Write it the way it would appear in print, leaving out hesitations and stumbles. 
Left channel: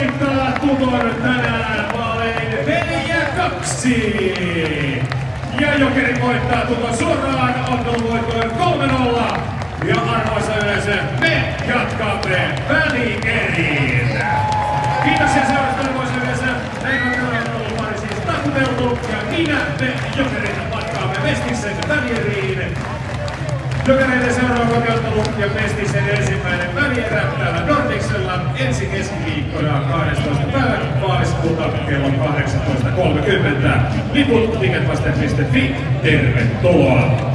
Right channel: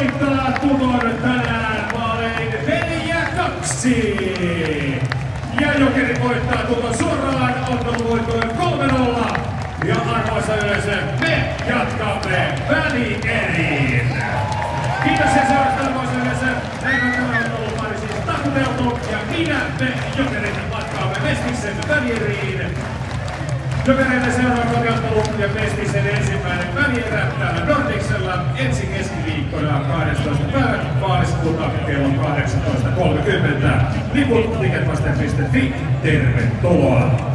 voittaa Tukon tänään vaalein 4-2. Ja Jokeri voittaa Tukon suoraan otteluvoittoon 3-0. Ja arvoisa yleisö, me jatkamme välieriin. Kiitos ja seuraavaksi arvoisa yleisö. Meillä on tämä ottelupari siis taputeltu. Ja minä, me Jokerit matkaamme Mestisen välieriin. Jokereiden seuraava kotiottelu ja Mestisen ensimmäinen välierä täällä Nordicsella ensi keskiviikkona 12. päivä maaliskuuta kello 18.30. Liput ticketmaster.fi. Tervetuloa!